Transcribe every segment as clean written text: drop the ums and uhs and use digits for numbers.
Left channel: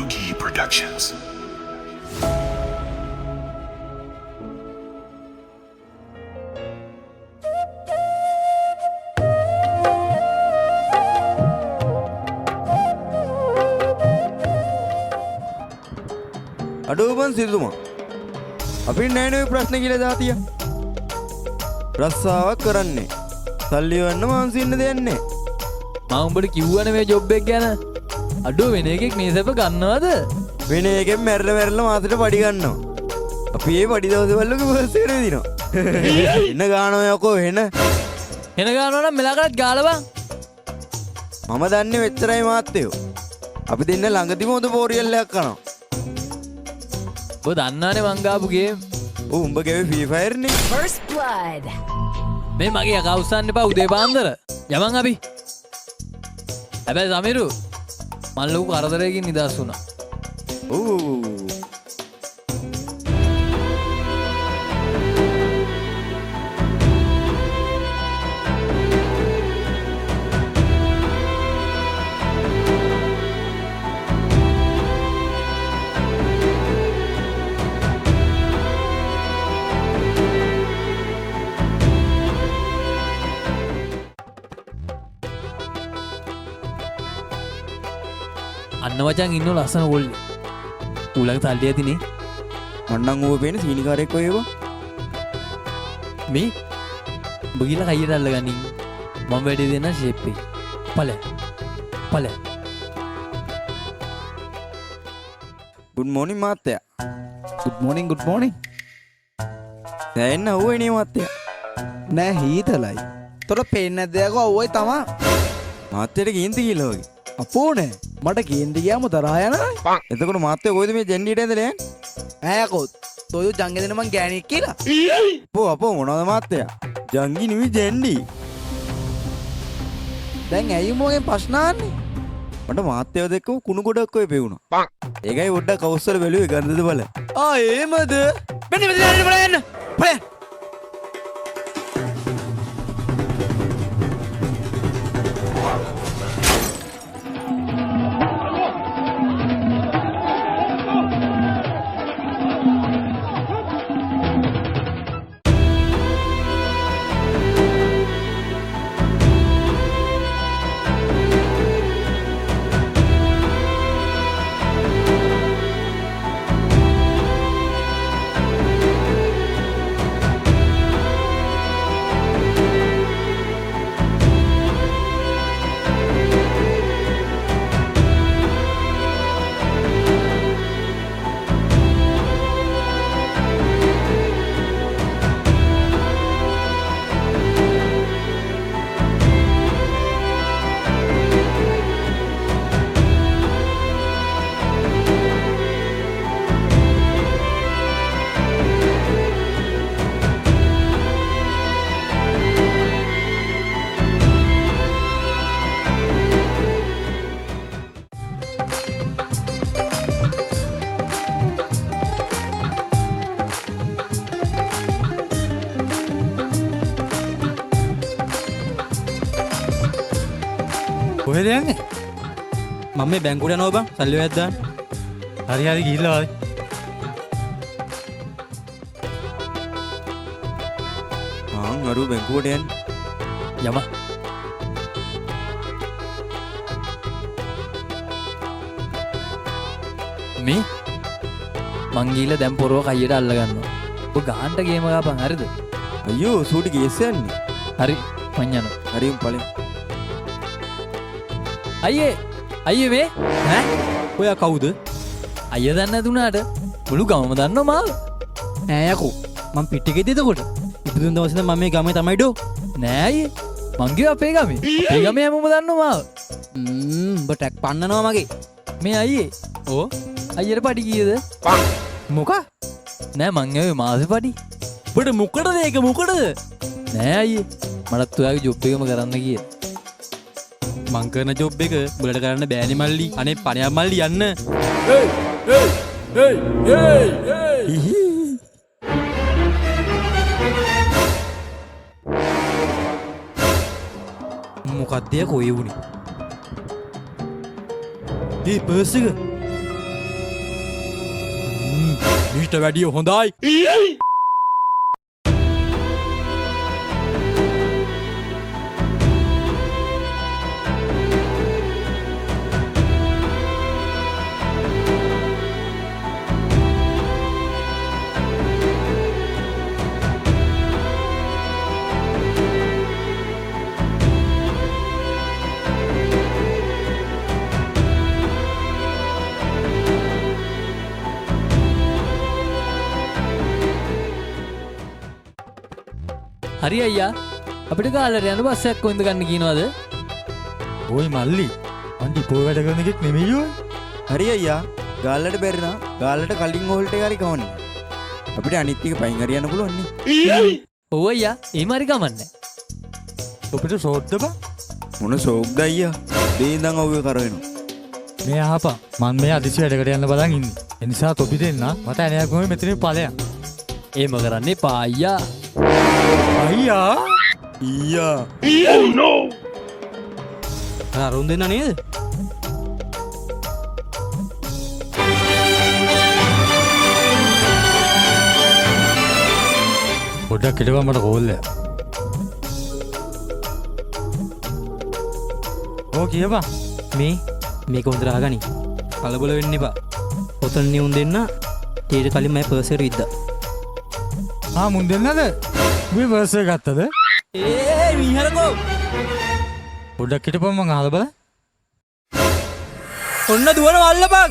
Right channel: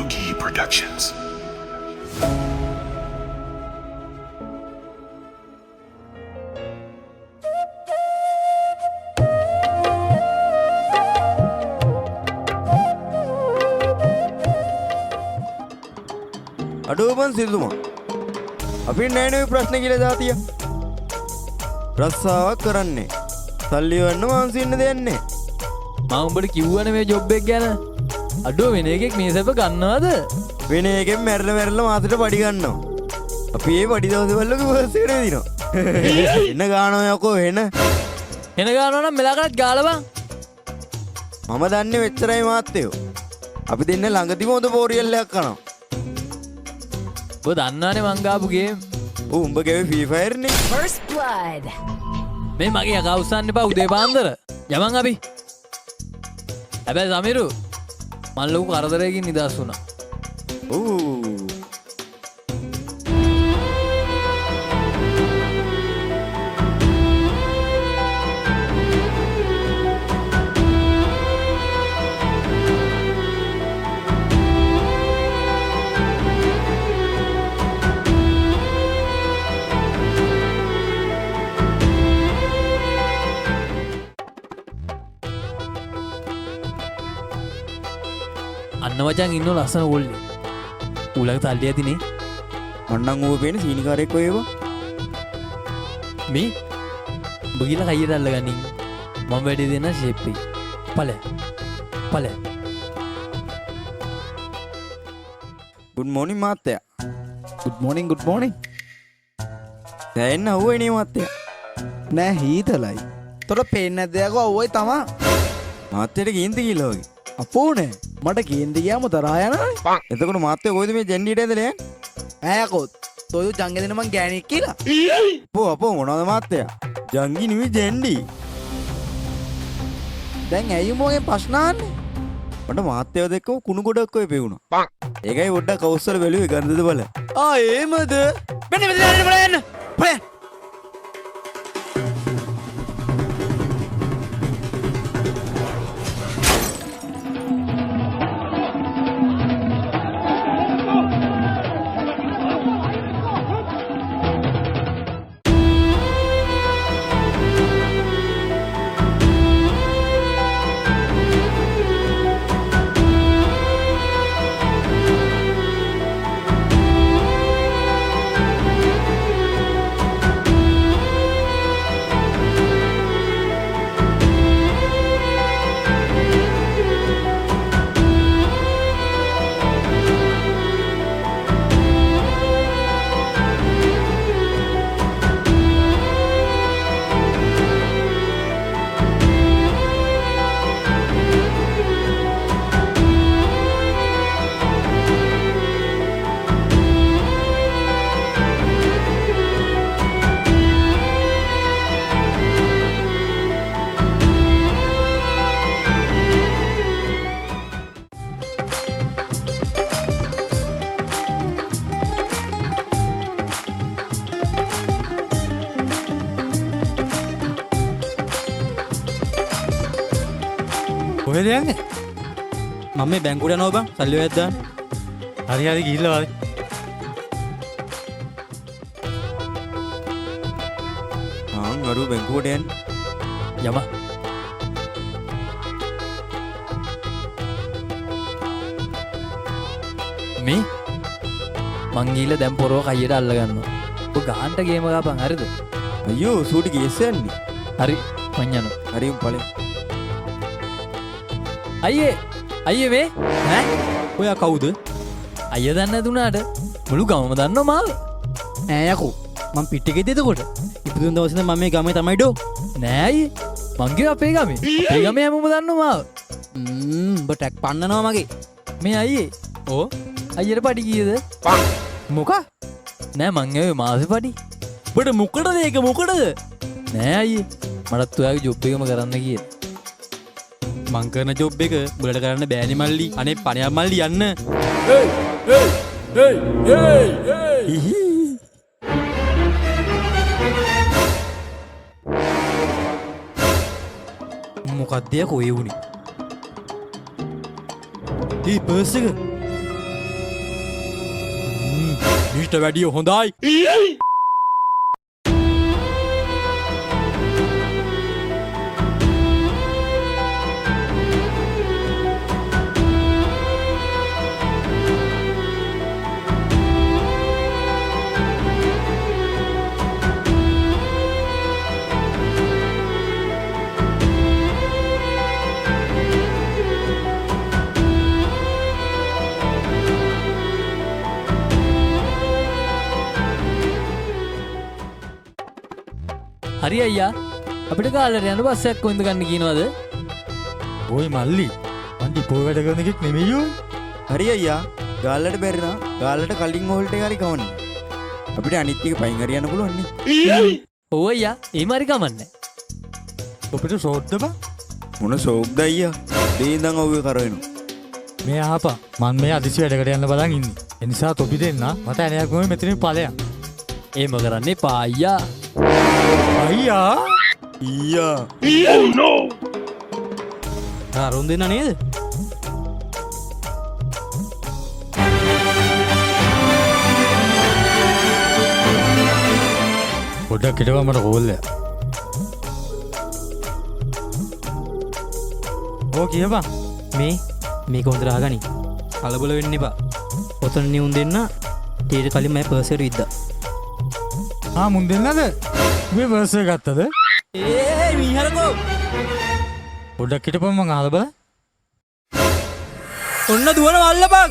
Doogie Productions. අඩෝබන් සිල්තුමා අපි නෑනේ ප්‍රශ්න කියලා දාතිය රස්සාවක් කරන්නේ සල්ලි වන්න මාන්සින්න දෙන්නේ මම උඹට කිව්වනේ මේ ජොබ් එක ගැන අඩුව වෙන එකෙක් මේ සැප ගන්නවද වෙන එකෙන් මැරලා මාසෙට පඩි ගන්නවා අපි ඒ පඩි දවස් වලක බස් එකට දිනවා එන්න ගානවා යකෝ එන ගානවා නම් මෙලාකටත් ගාලා බං මම දන්නේ වෙච්චරයි මාත්තයෝ අපි දෙන්න ළඟදිම හොඳ පෝරියල්ලයක් කරනවා ඔබ දන්නවනේ මං ගාපු ගේම් උඹ ගෙවේ ෆ්‍රී ෆයර් නේ First blood. මේ මගේ යකා උස්සන්න එපා උදේ පාන්දර යමන් අපි හැබැයි සමිරු මං ලොකු කරදරයකින් නිදහස් වුණා ඔව් අන්න වචන් ඉන්න ලස්සන කොල්ලේ ඌලක තල්ලි ඇතිනේ මන්නම් ඌව පේන සීනිකාරයෙක් ඔය ඒවා මේ උඹ ගිහලා කයියට අල්ලගනින් මම වැඩි දෙන්න ෂේප් එක ඵල good morning මාත්තයා good morning දැන් අහුවේ නේ මාත්තයා නෑ හීතලයි තොර පේන්නේ නැද්ද යකෝ ඔව්වයි තමා මාත්තයට කේන්ති කියලා වගේ අපෝ නෑ මට කේන්ති ගියාම තරහා යනවනේ එතකොට මාත්තයා කොයිද මේ ජෙන්ඩියට ඇදලා යන්නේ ඈ යකෝ තොයෝ ජංගෙ දෙන මං ගෑණියෙක් කියලා අපෝ මොනවද මාත්තයා ජංගි නෙවෙයි ජෙන්ඩි දැන් ඇයි මොගෙන් ප්‍රශ්න අහන්නේ මට මාත්තයව දෙක්කම කුණු ගොඩක් ඔය පෙවුණා ඒකයි පොඩ්ඩක් කවුස්සල බැලුවේ ගන්ධද බල එහෙමද මෙන්න මෙතන බලන්න බලන්න කොහෙද යන්නේ? මම මේ බැංකුවට යනවා බං. සල්ලි ඔයත් දාන්න. හරි ගිහිල්ලා වායි. අරු බැංකුවට යන්න යම මේ මං ගිහලා දැන් පොරව කයියට අල්ල ගන්නවා ඔබ ගාන්ට ගේම ගාපන් හරිද අයියෝ සූටි ගේස් යන්නේ හරි මං යනවා හරි පළේ අයියේ මේ ඈ? ඔයා කවුද? අයිය දන්නේ නැතුණාට මුළු ගමම දන්නවා මාව ඈ යකෝ. මං පිටිකේද එතකොට? ඉපදුන දවසේ නම් මම මේ ගමේ තමයි ඩෝ. නෑ අයියේ මං ගියේ අපේ ගමේ හැමෝම දන්නවා මාව උඹ ටැග් පන්නනවා මගේ. මේ අයියේ ඕ අයියට පඩි කීයද මොකක්? නෑ මං ඇවේ මාසෙ පඩි ඔබට මොකටද ඒක මොකටද? නෑ අයියේ මටත් ඔයාගේ ජොබ් එකම කරන්න කියලා මං කරන ජොබ් එක උඹලට කරන්න බෑනේ මල්ලි. අනේ පණයක් මල්ලි යන්න. මොකක්ද යකෝ ඒ වුනේ? ඒ පර්ස් එක මීට වැඩිය හොඳයි. හරි අයියා අපිට ගාල්ලට යන බස් එකක් කොයින්ද ගන්න කියනවද? ඔය මල්ලි අන්ටි පොය වැඩ කරන එකෙක් නෙමෙයියෝ. හරි අයියා ගාල්ලට බැරි නම් ගාල්ලට කලින් හෝල්ට එක හරි කවන්න. අපිට අනිත් එක පයින් හරි යන්න පුළුවන් නේ. ඔව් අයියා එහෙම හරි කමන්නේ. ඔබට ෂෝට්ද බං? මොන ෂෝක්ද අයියා? මේ ඉඳන් ඔව්වේ කරවෙනවා. මේ ආපා මන් මේ අදිසි වැඩකට යන්න බලන් ඉන්නේ. ඒ නිසා තොපි දෙන්න මට ඇණයක් ගොමේ මෙතනින් ඵලයන්. එහෙම කරන්න එපා අයියා. අයියා ඊයා අරුන් දෙන්න නේද? පොඩ්ඩක් හිටපන් මට කෝල් එක. ඕ කියපන්. මේක හොඳට අහගනි. කලබල වෙන්න එපා. ඔතන නියුන් දෙන්න ඊට කලින් මම පර්ස් එකට විද්දා. මුන් දෙන්නද? මේ වර්ස් එක ගත්තද? මීහරකෝ. පොඩ්ඩක් හිටපන් මං අහලා බලන්න. ඔන්න දුවන වල්ලපන්.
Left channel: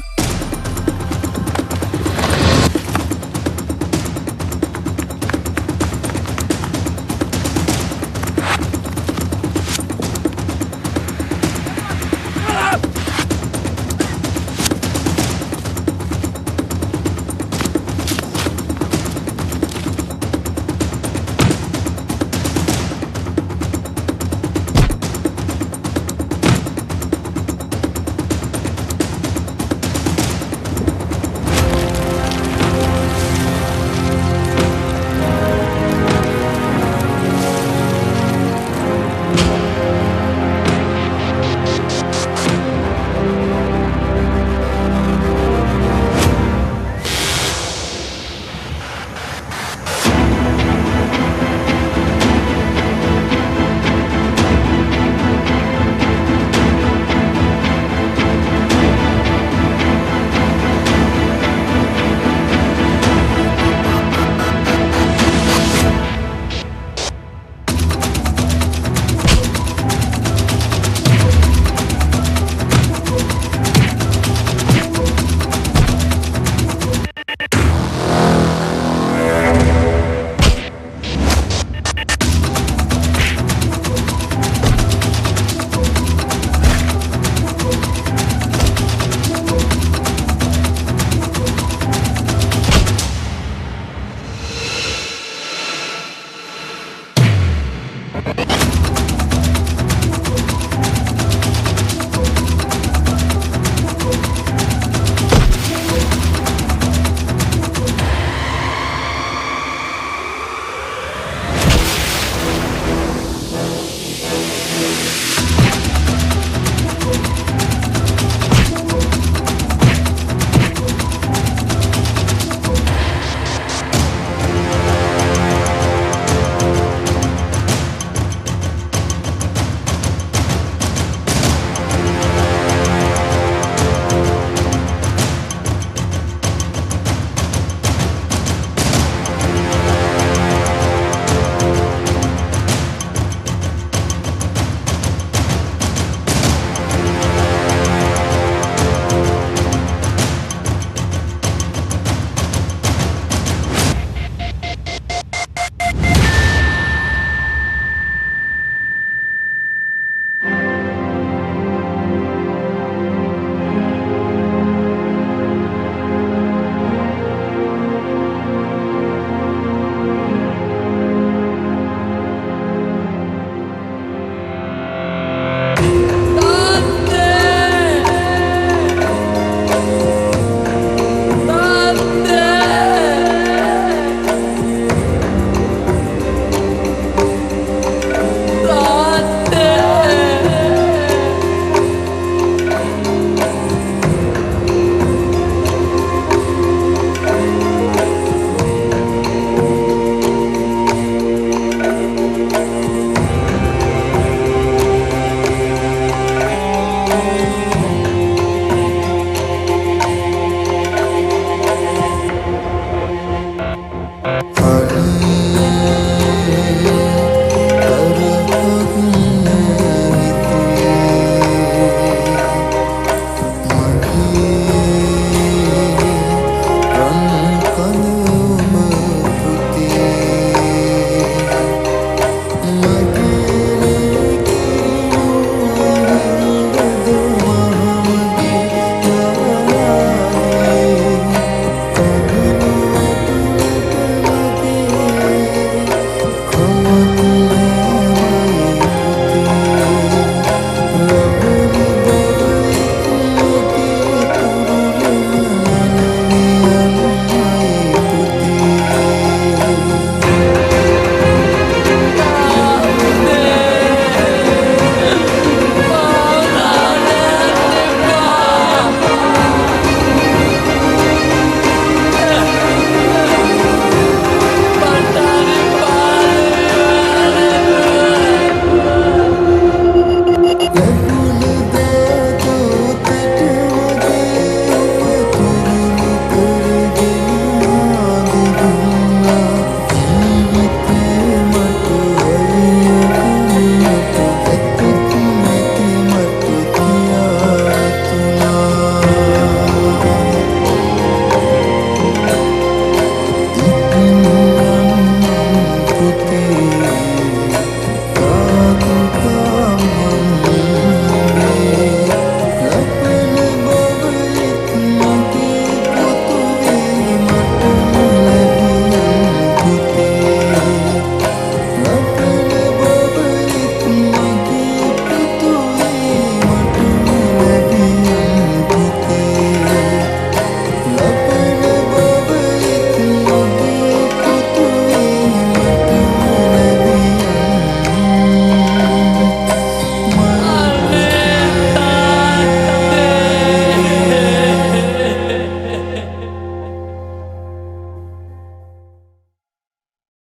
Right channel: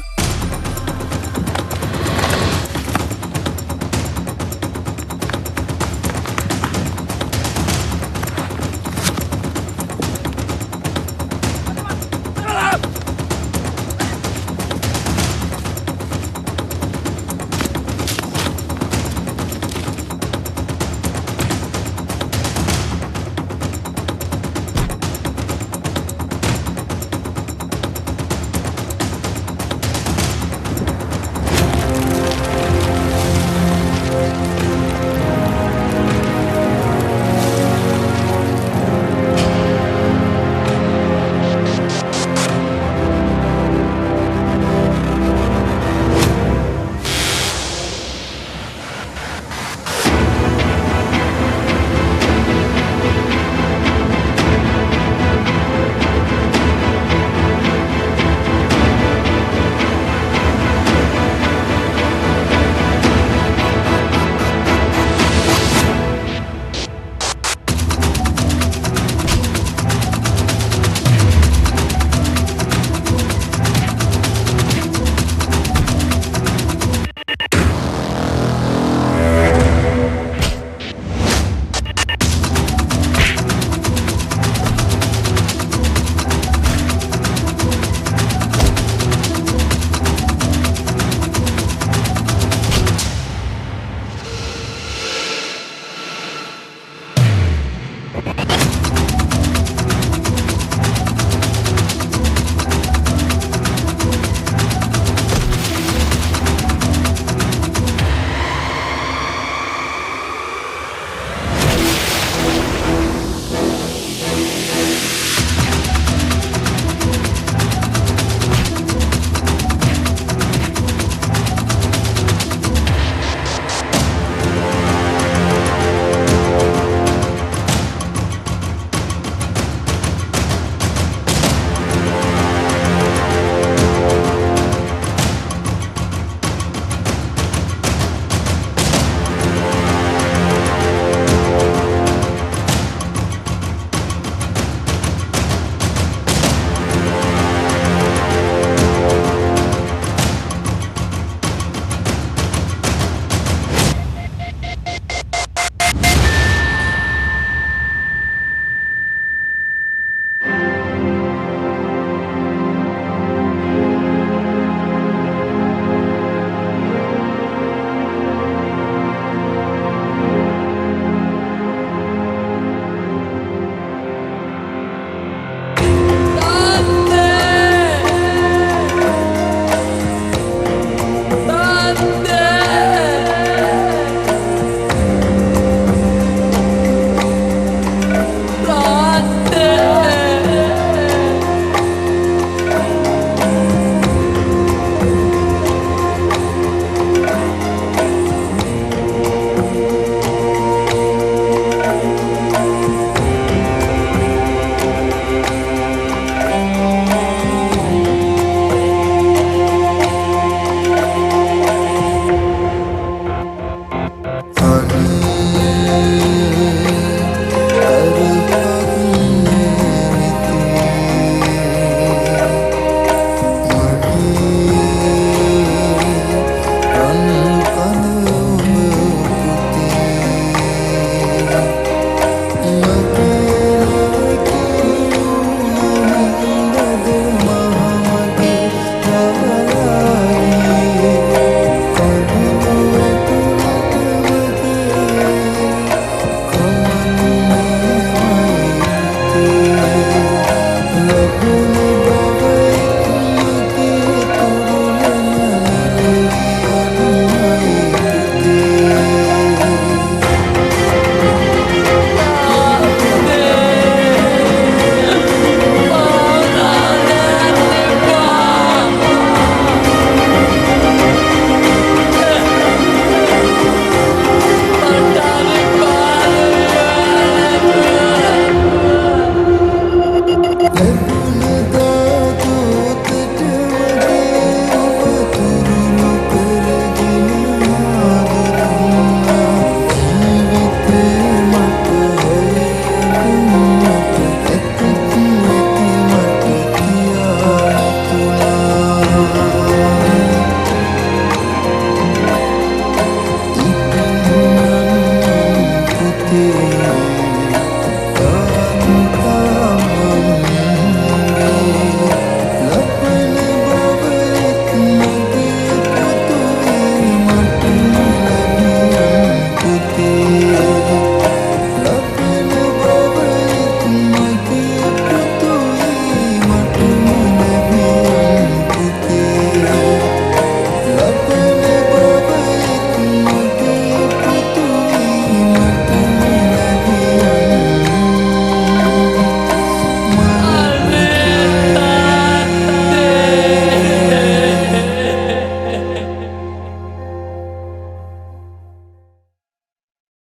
පුතේ